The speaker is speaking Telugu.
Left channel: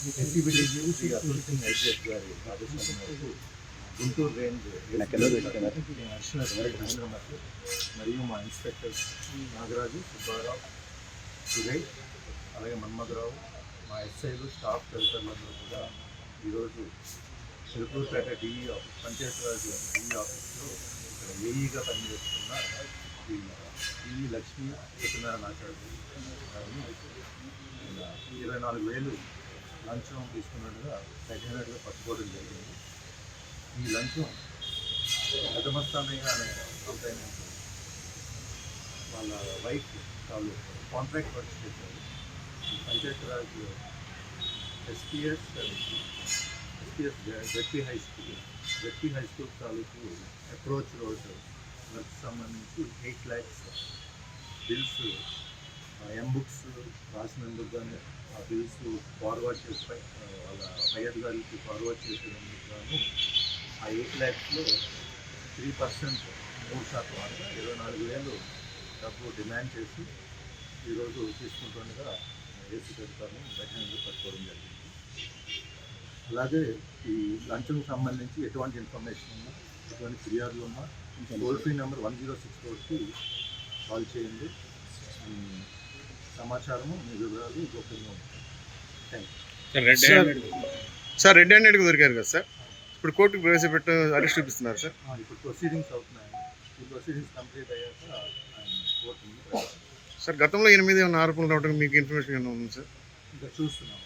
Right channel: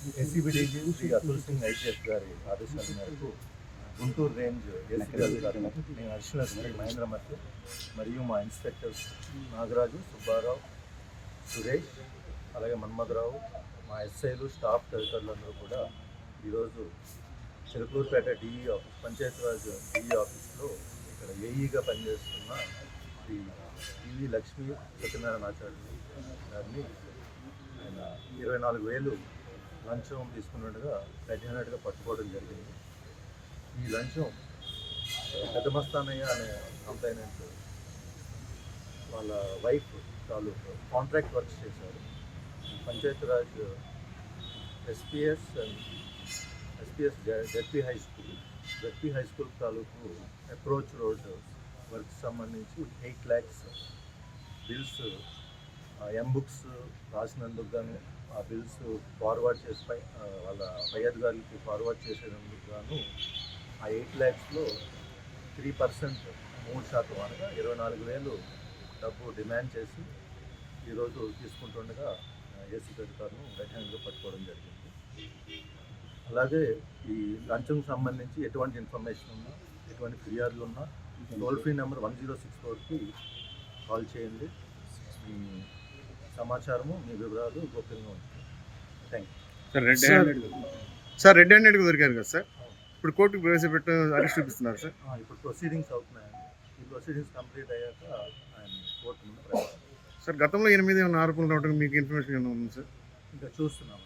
శ్రీ ఐపీఎస్ గారి ఆదేశాల మేరకు గుంటూరు రేంజ్ నేను అడిషనల్ మహేంద్ర మధ్య మరియు మా ఇన్స్పెక్టర్స్ నాగరాజు సుబ్బారావు సురేష్ అలాగే మన్మధరావు మా ఎస్ఐలు స్టాఫ్ తదితరులందరూ కూడా ఈరోజు Chilukurupeta DE office Panchayati Raj DE ఆఫీస్లో ఇక్కడ ఏఈగా పనిచేస్తున్న శ్రీ డిఈ లక్ష్మీ సత్యనారాయణ ఆచార్య గారిని ఆయన ఇరవై నాలుగు వేలు లంచం తీసుకున్నట్టుగా తగినట్టుగా పట్టుకోవడం జరిగింది. ఈ లంచం పెద్దమస్తానయ్య అనే కంప్లైనెంట్ వాళ్ళ వైఫ్ వాళ్ళు కాంట్రాక్ట్ వర్క్ చేశారు. Panchayat Raj SPS and SPS ZP high school ZP high school తాలూకు అప్రోచ్ రోడ్ వర్క్ సంబంధించి eight lakhs bills M books రాసినందుకు కానీ ఆ బిల్స్ ఫార్వర్డ్ చేసి వాళ్ళ పై అధికారులకి ఫార్వర్డ్ చేసేందుకు గాను ఆ ఎయిట్ ల్యాక్స్లో త్రీ పర్సెంట్ మూడు శాతం అనగా ఇరవై నాలుగు వేలు డబ్బు డిమాండ్ చేసి ఈరోజు తీసుకుంటుండగా ఏసీ అధికారులు వెంటనే పట్టుకోవడం జరిగింది. అలాగే ఈ లంచంకి సంబంధించి ఎటువంటి ఇన్ఫర్మేషన్ ఉన్నా ఎటువంటి ఫిర్యాదులు ఉన్నా toll free number one zero six ఫోర్కి కాల్ చేయండి. సమాచారము మీ వివరాలు గోప్యంగా ఉంటాయి. థ్యాంక్ యూ సార్ రెడ్ హ్యాండెడ్గా దొరికారు కదా సార్? ఇప్పుడు కోర్టుకు ప్రవేశపెట్టు అరెస్ట్ చూపిస్తున్నారు సార్. ఆ, ఇప్పుడు ప్రొసీడింగ్స్ అవుతున్నాయండి ఈ ప్రొసీడింగ్స్ కంప్లీట్ అయ్యాక ఆయన కోర్టు ముందు. సార్ గతంలో ఎనిమిది ఏమైనా ఆరోపణలు రావడం మీకు ఇన్ఫర్మేషన్ ఏమైనా ఉంది సార్? ఇంకా చూస్తున్నాం